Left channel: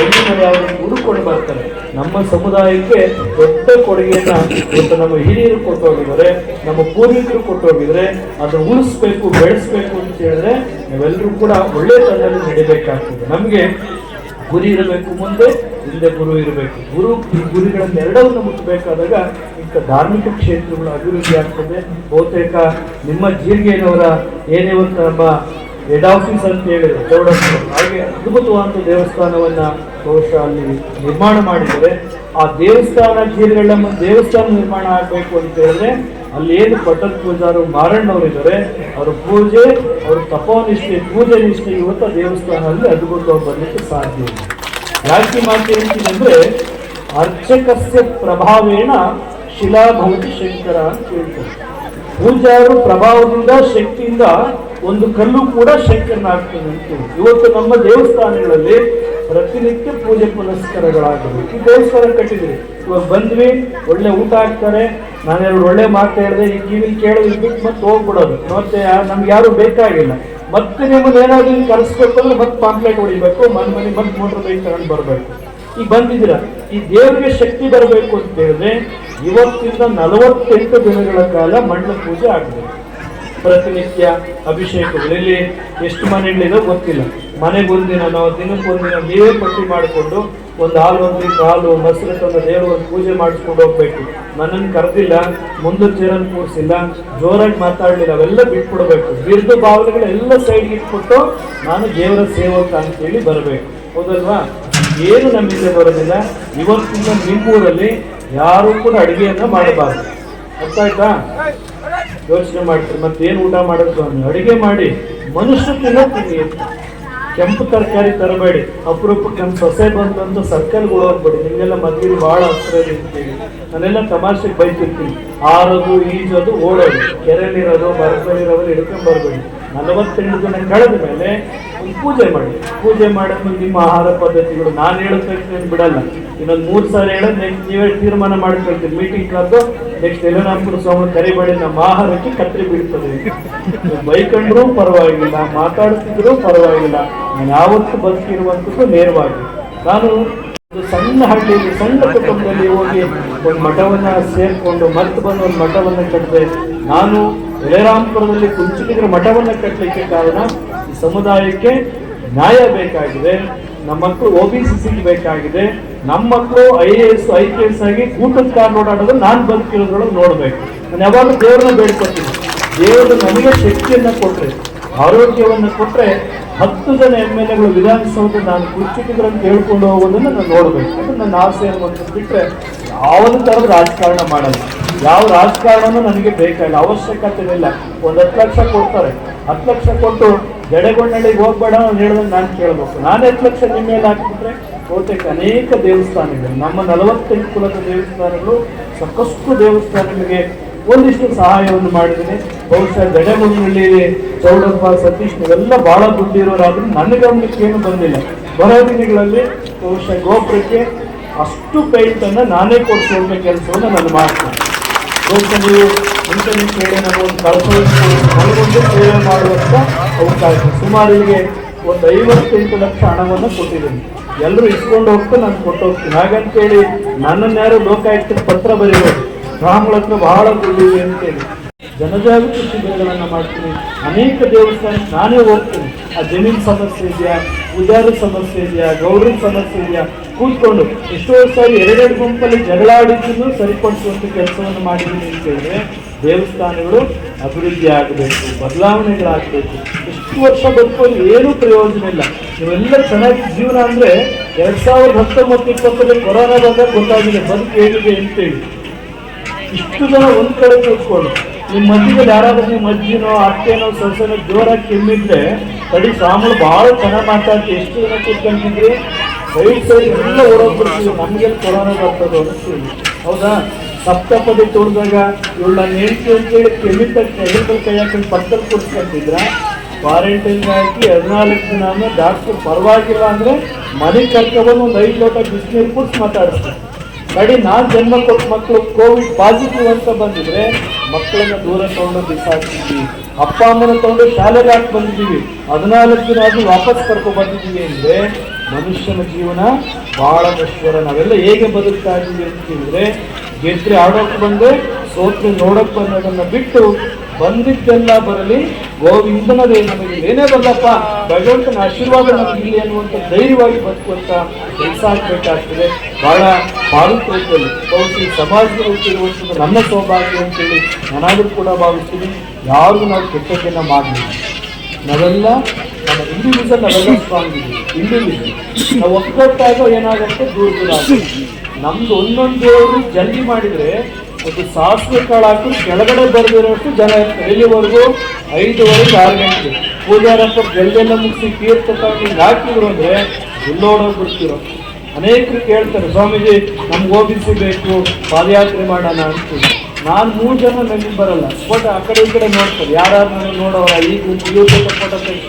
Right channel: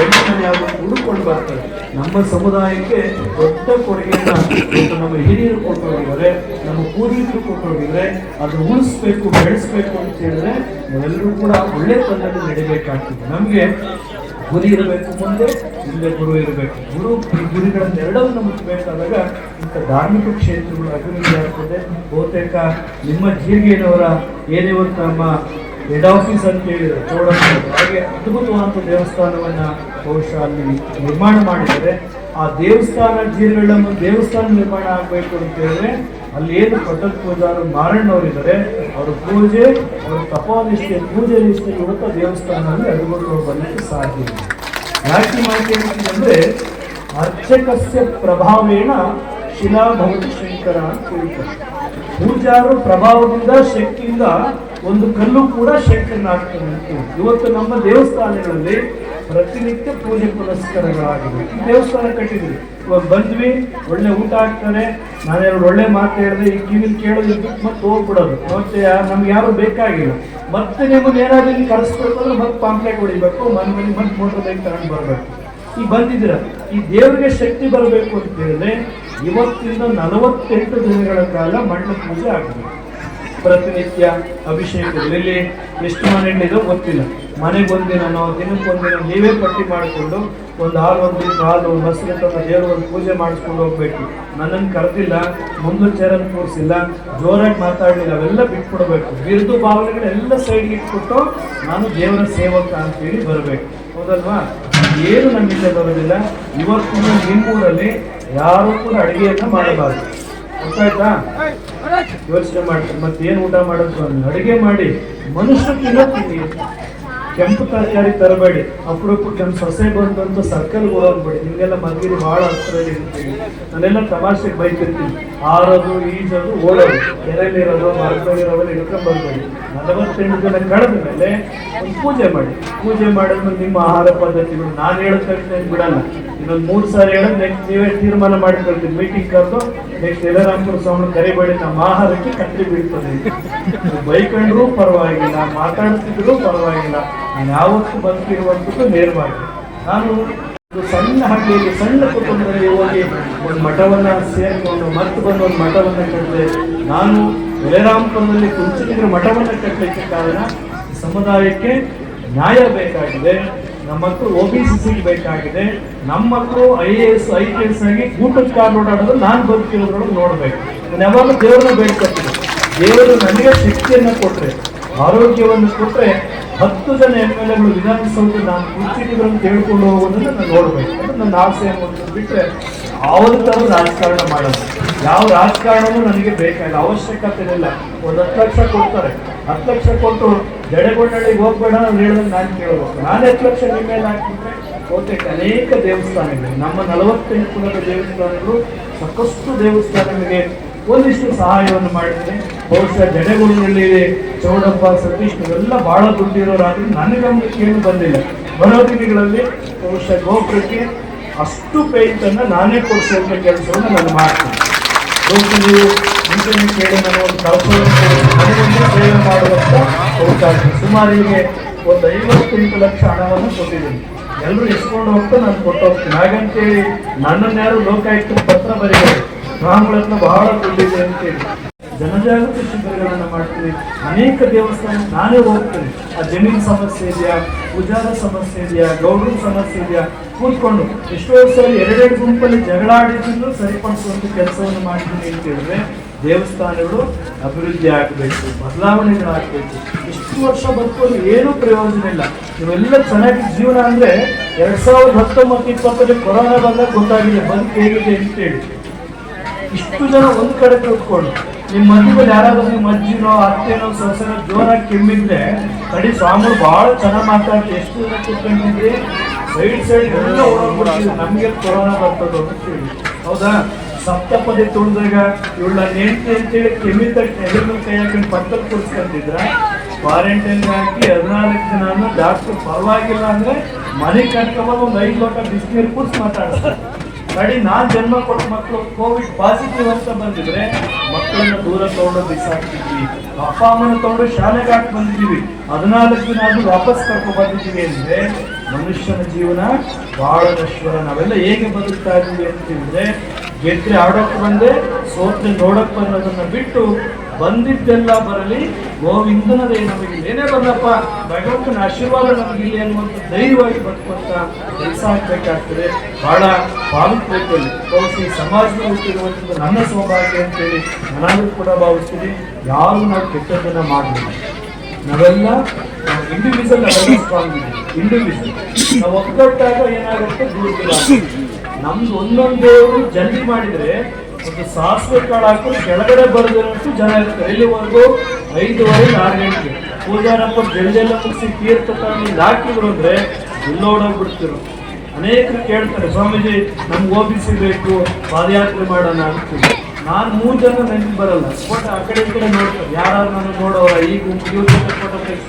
ಬೆಳ್ಳಿ ಮನೆ ಗುರು ಹುಡುಕೊಂಡು ಬರ್ತಾರೆ. ನಮ್ಮ ಸಮುದಾಯಕ್ಕೆ ದೊಡ್ಡ ಕೊಡುಗೆಯನ್ನು ನಮ್ಮ ಹಿರಿಯರು ಕೊಟ್ಟು ಹೋಗಿದ್ದಾರೆ, ನಮ್ಮ ಪೂರ್ವಿಕರು ಕೊಟ್ಟು ಹೋಗಿದ್ದಾರೆ ಅದನ್ನು ಉಳಿಸ್ಬೇಕು, ಬೆಳೆಸ್ಬೇಕು ಅಂತ ಹೇಳಿದ್ರೆ ನಾವೆಲ್ಲರೂ ಕೂಡ ಒಳ್ಳೆ ತರದಲ್ಲಿ ನಡಿಬೇಕಾಗ್ತದೆ. ನಮಗೆ ಗುರಿ ಇರಬೇಕು ಮುಂದೆ ಹಿಂದೆ ಗುರು ಇರಬೇಕು. ಗುರು, ಈ ಗುರಿಗಳನ್ನ ಎರಡನ್ನು ಮುಚ್ಚಬೇಕಾದಾಗ ಇಂಥ ಧಾರ್ಮಿಕ ಕ್ಷೇತ್ರಗಳು ಅಭಿವೃದ್ಧಿ ಆಗ್ತದೆ. ಬಹುತೇಕ ನಿಮ್ಮ ಜೀರಿಗೆನವರ ಏನೇ ಒಂದು ನಮ್ಮ ಹೆಡ್ ಆಫೀಸ್ ಅಂತ ಹೇಳಿದ್ರೆ ಚೌಡಪ್ಪನವರು ಹಾಗೆ ಅದ್ಭುತವಾದ ದೇವಸ್ಥಾನವನ್ನ ಬಹುಶಃ ಅಲ್ಲಿ ನಿರ್ಮಾಣ ಮಾಡಿದರೆ ಆ ದೇವಸ್ಥಾನ ಜೀರ್ಗಳ ದೇವಸ್ಥಾನ ನಿರ್ಮಾಣ ಆಗಬೇಕು ಅಂತ ಹೇಳಿದ್ರೆ ಅಲ್ಲಿ ಏನು ಪಟ್ಟದ ಪೂಜಾರು ಮಾರಣ್ಣವರು ಇದ್ದಾರೆ ಅವ್ರ ಪೂಜೆ, ಅವ್ರ ತಪೋನಿಷ್ಠೆ ಪೂಜೆ ನಿಷ್ಠೆ ಇವತ್ತು ದೇವಸ್ಥಾನದಲ್ಲಿ ಅದ್ಭುತವಾಗಿ ಬರಲಿಕ್ಕೆ ಸಾಧ್ಯ ಇದೆ. ಯಾಕೆ ಮಾಡ್ತೀನಿ ಅಂದ್ರೆ ಅರ್ಚಕಸ್ಯ ಪ್ರಭಾವೇಣ ಶಿಲಾಭೌತಿ ಶಂಕರ ಅಂತ ಹೇಳ್ತಾರೆ. ಪೂಜಾರು ಪ್ರಭಾವದಿಂದ, ಶಕ್ತಿಯಿಂದ ಒಂದು ಕಲ್ಲು ಕೂಡ ಶಂಕರನಾಗ್ತಾನೆ ಇವತ್ತು ನಮ್ಮ ದೇವಸ್ಥಾನಗಳಲ್ಲಿ ಪ್ರತಿನಿತ್ಯ ಪೂಜೆ ಪುನಸ್ಕಾರಗಳಾಗಬೇಕು ಈ ದೇವಸ್ಥಾನ ಕಟ್ಟಿದ್ರಿ ಇವಾಗ ಬಂದ್ವಿ, ಒಳ್ಳೆ ಊಟ ಹಾಕ್ತಾರೆ. ನಾನೆರಡು ಒಳ್ಳೆ ಮಾತು ಹೇಳಿದೆ, ಈ ಕಿವಿಲಿ ಕೇಳೋದು ಬಿಟ್ಟು ಮತ್ತೆ ಹೋಗ್ಬಿಡೋದು. ಮತ್ತೆ ನಮ್ಗೆ ಯಾರು ಬೇಕಾಗಿಲ್ಲ. ಮತ್ತೆ ನಿಮ್ಮನ್ನ ಏನಾದ್ರು ಕರೆಸ್ಬೇಕು ಅಂದ್ರೆ ಮತ್ತೆ ಪಾಂಪ್ಲೆಟ್ ಹೊಡಿಬೇಕು ಮನೆ ಮನೆ ಬಂದು ಮೋಟರ್ ಬೈಕ್ ತಗೊಂಡು ಬರಬೇಕು. ಈಗ ಬಂದಿದ್ದೀರಾ? ಈ ದೇವರಿಗೆ ಶಕ್ತಿ ಬರಬೇಕು ಅಂತ ಹೇಳಿದ್ರೆ ಇವತ್ತಿಂದ ನಲವತ್ತೆಂಟು ದಿನಗಳ ಕಾಲ ಮಣ್ಣು ಪೂಜೆ ಆಗಬೇಕು. ಪ್ರತಿನಿತ್ಯ ಅಭಿಷೇಕಗಳಲ್ಲಿ ಎಷ್ಟು ಮನೆಗಳಿದೋ ಗೊತ್ತಿಲ್ಲ. ಮನೆಗೆ ಒಂದಿನ ನಾವು ದಿನಕ್ಕೊಂದಿನ ನೀವೇ ಪಟ್ಟಿ ಮಾಡಿಕೊಂಡು ಒಂದು ಹಾಲು ಒಂದು ಹಾಲು, ಮೊಸರು ತಂದು ದೇವರು ಪೂಜೆ ಮಾಡಿಸ್ಕೊಂಡು ಹೋಗ್ಬೇಕು. ನನ್ನನ್ನು ಕರೆದಿಲ್ಲ, ಮುಂದೆ ಚೇರನ್ನು ಕೂರಿಸಿಲ್ಲ, ಜೋರಾಗಿ ಮಾತಾಡಲಿಲ್ಲ, ಅವೆಲ್ಲ ಬಿಟ್ಬಿಡ್ಬೇಕು. ಬಿರುದು ಭಾವನೆಗಳೆಲ್ಲ ಸೈಡ್ಗೆ ಇಟ್ಬಿಟ್ಟು ನಾನು ದೇವರ ಸೇವಕ ಅಂತೇಳಿ ಬರಬೇಕು. ಹೌದಲ್ವಾ? ಏನು ನಂಬಿಕೆ ಬರೋದಿಲ್ಲ. ಇವತ್ತಿನ ನಿಮ್ಮೂರಲ್ಲಿ ಯಾರೂ ಕೂಡ ಅಡುಗೆಯನ್ನು ಮಾಡಬಾರದು. ಅರ್ಥ ಆಯ್ತಾ ಯೋಚನೆ ಮಾಡ್ತೀನಿ. ಮತ್ತೇನು ಊಟ ಅಡುಗೆ ಅಡಿಗೆ ಮಾಡಿ. ಮನುಷ್ಯ ತಿನ್ನೋ ತಿನ್ನಿ ಕೆಂಪು ತರಕಾರಿ ತರಬೇಡಿ. ಅಪರೂಪಕ್ಕೆ ನಮ್ಮ ಸೊಸೆ ಬಂತು ಅಂತ ಸರ್ಕಲ್ ಹೋಗ್ಬೇಡಿ. ನಿಮ್ಗೆಲ್ಲ ಮದ್ವೆಲಿ ಬಹಳ ಹತ್ರ ಇರ್ತೀವಿ. ನಾನೆಲ್ಲ ತಮಾಷೆಗೆ ಬೈತಿರ್ತೀನಿ. ಆರೋದು, ಈಜೋದು, ಓಡೋದು. ಕೆರೆಯಲ್ಲಿರೋದು ಬರಬೇಡಿರೋದು ಹಿಡ್ಕೊಂಡ್ ಬರ್ಬೇಡಿ. ನಲವತ್ತೆಂಟು ದಿನ ಕಳೆದ ಮೇಲೆ ಪೂಜೆ ಮಾಡಿ. ಪೂಜೆ ಮಾಡೋದು ನಿಮ್ಮ ಆಹಾರ ಪದ್ಧತಿಗಳು ನಾನು ಹೇಳೋದಕ್ಕೆ ಬಿಡಲ್ಲ. ಇನ್ನೊಂದು ಮೂರು ಸಾರಿ ಹೇಳೋದು ನೆಕ್ಸ್ಟ್ ನೀವೇ ತೀರ್ಮಾನ ಮಾಡ್ಕೊಳ್ತೀನಿ. ಮೀಟಿಂಗ್ ಕರೆದು ಯಲರಾಮಪುರ ಸ್ವಾಮಿ ಕರಿಬೇಡಿ ನಮ್ಮ ಆಹಾರಕ್ಕೆ ಕತ್ತರಿ ಬೀಳ್ತದೆ. ಬೈಕಂಡ್ರೂ ಪರವಾಗಿಲ್ಲ, ಮಾತಾಡ್ತಿದ್ರು ಪರವಾಗಿಲ್ಲ ನಾನು ಯಾವತ್ತೂ ಬದುಕಿರುವಂಥದ್ದು ನೇರವಾಗಿ. ನಾನು ಸಣ್ಣ ಹಳ್ಳಿಯಲ್ಲಿ, ಸಣ್ಣ ಕುಟುಂಬದಲ್ಲಿ ಹೋಗಿ ಒಂದು ಮಠವನ್ನ ಸೇರಿಕೊಂಡು ಮತ್ತೆ ಬಂದು ಒಂದು ಮಠವನ್ನ ಕಟ್ಟಿದೆ ನಾನು ಯಲರಾಮಪುರದಲ್ಲಿ ಕುಂಚಿಟಿಗರ ಮಠವನ್ನ ಕಟ್ಟಲಿಕ್ಕೆ ಕಾರಣ ಸಮುದಾಯಕ್ಕೆ ನ್ಯಾಯ ಬೇಕಾಗಿದೆ. ನಮ್ಮ ಮಕ್ಕಳು ಒ ಬಿ ಸಿ ಸಿಗೆ ಬೇಕಾಗಿದೆ. ನಮ್ಮ ಮಕ್ಕಳು I A S I P S ಆಗಿ ಊಟದ ಕಾರ್ ಓಡಾಡೋದು ನಾನು ಬದುಕಿರೋದ್ರೊಳಗೆ ನೋಡಬೇಕು. ನಾನು ಯಾವಾಗಲೂ ದೇವರನ್ನ ಬೇಡ್ಕೊತೀನಿ. ದೇವರು ನನಗೆ ಶಕ್ತಿಯನ್ನು ಕೊಟ್ಟರೆ ಆರೋಗ್ಯವನ್ನು ಕೊಟ್ಟರೆ ಹತ್ತು ಜನ ಎಂ ಎಲ್ ಎಗಳು ವಿಧಾನಸೌಧ ನಾನು ಕುರ್ಚಿಟಿದ್ರು ಕೇಳ್ಕೊಂಡು ಹೋಗೋದನ್ನ ನಾನು ನೋಡಬೇಕು. ಅದು ನನ್ನ ಆಸೆ ಅನ್ನುವಂಥದ್ದು ಬಿಟ್ಟರೆ ಯಾವುದೇ ಥರದ ರಾಜಕಾರಣ ಮಾಡೋದು ಯಾವ ರಾಜಕಾರಣನೂ ನನಗೆ ಬೇಕಾಗಿಲ್ಲ. ಅವಶ್ಯಕತೆ ಇಲ್ಲ. ಒಂದು ಹತ್ತು ಲಕ್ಷ ಕೊಡ್ತಾರೆ. ಹತ್ತು ಲಕ್ಷ ಕೊಟ್ಟು ಜಡೆಗೊಂಡಳಿಗೆ ಹೋಗ್ಬೇಡ ನಾನು ಹೇಳಿದಂಗೆ ನಾನು ಕೇಳ್ಬೇಕು. ನಾನು ಹತ್ತು ಲಕ್ಷ ನಿಮ್ಮ ಮೇಲೆ ಹಾಕಿಬಿಟ್ರೆ? ಬಹುತೇಕ ಅನೇಕ ದೇವಸ್ಥಾನಗಳು ನಮ್ಮ ನಲವತ್ತೆಂಟು ಕುಲದ ದೇವಸ್ಥಾನಗಳು ಸಾಕಷ್ಟು ದೇವಸ್ಥಾನಗಳಿಗೆ ಒಂದಿಷ್ಟು ಸಹಾಯವನ್ನು ಮಾಡಿದ್ದೀನಿ ಬಹುಶಃ ಜಡೆಗೊಂಡಳ್ಳಿ ಚೌಡಪ್ಪ, ಸತೀಶ್ ಇವೆಲ್ಲ ಬಹಳ ದುಡ್ಡಿರೋರಾದ್ರೂ ನನ್ನ ಗಮನಕ್ಕೆ ಏನು ಬಂದಿಲ್ಲ. ಬರೋ ದಿನಗಳಲ್ಲಿ ಬಹುಶಃ ಗೋಪುರಕ್ಕೆ ಅಷ್ಟು ಪೇಂಟನ್ನು ನಾನೇ ಕೊಡಿಸುವಂತ ಕೆಲಸವನ್ನು ನಾನು ಮಾಡ್ತೀನಿ. ಬಹುಶಃ ನೀವು ಮುಂಚೆನೇ ಕೇಳಿ ನಾವು ಒಂದು ಸೇವೆ ಮಾಡುವಂತ ಅವಕಾಶ ಸುಮಾರು ಹೀಗೆ ಒಂದು ಐವತ್ತೆಂಟು ಲಕ್ಷ ಹಣವನ್ನು ಕೊಟ್ಟಿದ್ದೀನಿ. ಎಲ್ಲರೂ ಇಸ್ಕೊಂಡು ಹೋಗ್ತಾ ನಾನು ಕೊಟ್ಟು ಹೋಗ್ತೀನಿ. ಹಾಗಂತೇಳಿ ನನ್ನನ್ನು ಯಾರು ಲೋಕಾಯುಕ್ತ ಪತ್ರ ರಾಮಗಳ ಹತ್ರ ಬಹಳ ದುಡ್ಡಿದೆ ಅಂತೇಳಿ. ಜನಜಾಗೃತಿ ಶಿಬಿರಗಳನ್ನು ಮಾಡ್ತೀನಿ. ಅನೇಕ ದೇವಸ್ಥಾನ ನಾನೇ ಹೋಗ್ತೀನಿ. ಆ ಜಮೀನು ಸಮಸ್ಯೆ ಇದೆಯಾ? ಪೂಜಾರ ಸಮಸ್ಯೆ ಇದೆಯಾ? ಗೌರವ ಸಮಸ್ಯೆ ಇದೆಯಾ? ಕೂತ್ಕೊಂಡು ಎಷ್ಟೋ ಸಾರಿ ಎರಡೆರಡು ಗುಂಪಲ್ಲಿ ಜಗಳ ಆಡಿದ್ದು ಸರಿಪಡಿಸುವಂತ ಕೆಲಸವನ್ನು ಮಾಡಿದ್ದೀನಿ ಅಂತ ಹೇಳಿದ್ರೆ ದೇವಸ್ಥಾನಗಳು ಅಭಿವೃದ್ಧಿ ಆಗಬೇಕು, ಬದಲಾವಣೆಗಳಾಗಬೇಕು. ಇಷ್ಟು ವರ್ಷ ಬದುಕೋದು ಏನೂ ಪ್ರಯೋಜನ ಇಲ್ಲ. ನೀವೆಲ್ಲ ಚೆನ್ನಾಗಿ ಜೀವನ ಅಂದ್ರೆ ಎರಡ್ ಸಾವಿರದ ಹತ್ತೊಂಬತ್ತು, ಇಪ್ಪತ್ತರಲ್ಲಿ ಕೊರೋನಾ ಬಂದಾಗ ಗೊತ್ತಾಗಿದೆ ಬದುಕು ಹೇಗಿದೆ ಅಂತೇಳಿ ಇಷ್ಟು ಜನ ಒಂದ್ ಕಡೆ ಕೂತ್ಕೊಂಡು ನಿಮ್ಮ ಮಧ್ಯದಲ್ಲಿ ಯಾರಾದ್ರೂ ಮಜ್ಜಿನೋ ಅತ್ತೆನೋ, ಸೊಸೆನೋ ಜೋರಾಗಿ ಕೆಮ್ಮಿದ್ರೆ ಕಡಿ ಸ್ವಾಮಿ ಬಹಳ ಚೆನ್ನಾಗಿ ಮಾತಾಡ್ತೀವಿ ಎಷ್ಟು ಜನ ಕೂತ್ಕೊಂಡಿದ್ರಿ ಸೈಡ್ ಎಲ್ಲ ನಮಗೆ ಬರ್ತದೆ ಹೌದಾ ಸಪ್ತಪದಿ ತೋರಿದಾಗ ಇವಳು ನನ್ನ ಹೆಂಡತಿ ಅಂತೇಳಿ ಕೆಮ್ಮಿದ ಕೆಮಿಕಲ್ ಕೈ ಹಾಕೊಂಡು ಪಕ್ಕದ ಕೂರಿಸ್ಕೊಂಡಿದ್ರ ಕ್ವಾರಂಟೈನ್ ಹಾಕಿ ಹದಿನಾಲ್ಕು ದಿನ ಡಾಕ್ಟರ್ ಪರವಾಗಿಲ್ಲ ಅಂದ್ರೆ ಮನೆ ಕಟ್ಕೊಂಡು ಒಂದು ಐದು ಲೋಟ ಬಿಸಿನೀರು ಕುಡಿಸಿ ಮಾತಾಡ್ತಾರೆ ನಡಿ ನಾನ್ ಜನ್ಮ ಕೊಟ್ಟ ಮಕ್ಕಳು ಕೋವಿಡ್ ಪಾಸಿಟಿವ್ ಅಂತ ಬಂದಿದ್ರೆ ಮಕ್ಕಳನ್ನ ದೂರ ತಗೊಂಡು ಬಿಸಾಕ್ತಿದ್ವಿ ಅಪ್ಪ ಅಮ್ಮನ ತಗೊಂಡು ಶಾಲೆಗೆ ಹಾಕಿ ಬಂದಿದ್ದೀವಿ ಹದಿನಾಲ್ಕು ದಿನ ಆದ್ರೂ ವಾಪಸ್ ಕರ್ಕೊಂಡ್ಬಂದಿದ್ದೀವಿ ಅಂದ್ರೆ ಮನುಷ್ಯನ ಜೀವನ ಬಹಳ ನಶ್ವರ ನಾವೆಲ್ಲ ಹೇಗೆ ಬದುಕ್ತಾ ಇದ್ದೀವಿ ಅಂತ ಹೇಳಿದ್ರೆ ಗೆದ್ರೆ ಆಡೋಕೆ ಬಂದೆ ಸೋತ್ರೆ ನೋಡಕ್ ಬಂದದನ್ನ ಬಿಟ್ಟು ಬಂದಿದ್ದೆಲ್ಲ ಬರಲಿ, ಗೋವಿಂದನದೇ ನಮಗೆ ಏನೇ ಬಂದಪ್ಪ ಭಗವಂತನ ಆಶೀರ್ವಾದ ನಮಗೆ ಇಲ್ಲಿ ಅನ್ನುವಂಥ ಧೈರ್ಯವಾಗಿ ಬದುಕುವಂತ ಕೆಲಸ ಆಗ್ಬೇಕಾಗ್ತದೆ. ಬಹಳ ಪಾಲುತ್ವದಲ್ಲಿ ಬಹುಶಃ ಹುಟ್ಟಿರುವಂಥದ್ದು ನನ್ನ ಸೌಭಾಗ್ಯ ಅಂತೇಳಿ ನನಗೂ ಕೂಡ ಭಾವಿಸ್ತೀನಿ. ಯಾರು ನಾವು ಕೆಟ್ಟದ್ದನ್ನ ಮಾಡಲಿಲ್ಲ. ನಾವೆಲ್ಲ ನಮ್ಮ ಇಂಡಿವಿಜುವಲ್ ಸ್ಟ್ರಾಂಗ್ ಇದ್ದೀವಿ ಇಂಡಿವಿಜುವಲ್ ನಾವು ಏನಾಗುತ್ತೆ? ದೂರ. ನಮ್ದು ಒಂದೊಂದು ದೇವರು ಜಲ್ದಿ ಮಾಡಿದ್ರೆ ಒಂದು ಸಾಸಿವೆ ಕಾಳು ಹಾಕಿ ಕೆಳಗಡೆ ಬರೆದಿರೋಷ್ಟು ಜನ ಎಲ್ಲಿವರೆಗೂ ಐದುವರೆಗೆ ಆರು ಗಂಟೆ. ಪೂಜಾರಪ್ಪ ಜಲ್ದೆಲ್ಲ ಮುಗಿಸಿ ತೀರ್ಥ ತಗೊಂಡು ಹಾಕಿದ್ರು ಅಂದ್ರೆ ಬಿಡ್ತಿರೋ? ಅನೇಕರು ಕೇಳ್ತಾರೆ, ಸ್ವಾಮೀಜಿ, ನಮ್ಗೆ ಓದಿಸಿ ಬೇಕು, ಪಾದಯಾತ್ರೆ ಮಾಡೋಣ ಅಂತೀವಿ. ನಾನು ಮೂರು ಜನ ನೆನಪು ಬರಲ್ಲ. ಬಟ್ ಆ ಕಡೆ ಈ ಕಡೆ ನೋಡ್ತಾರೆ. ಯಾರು ನನಗೆ ನೋಡೋ ಈ ಗುಂಪು ಇವ್ರ ಫೋಟೋ ತೆಗ್ಸಿ.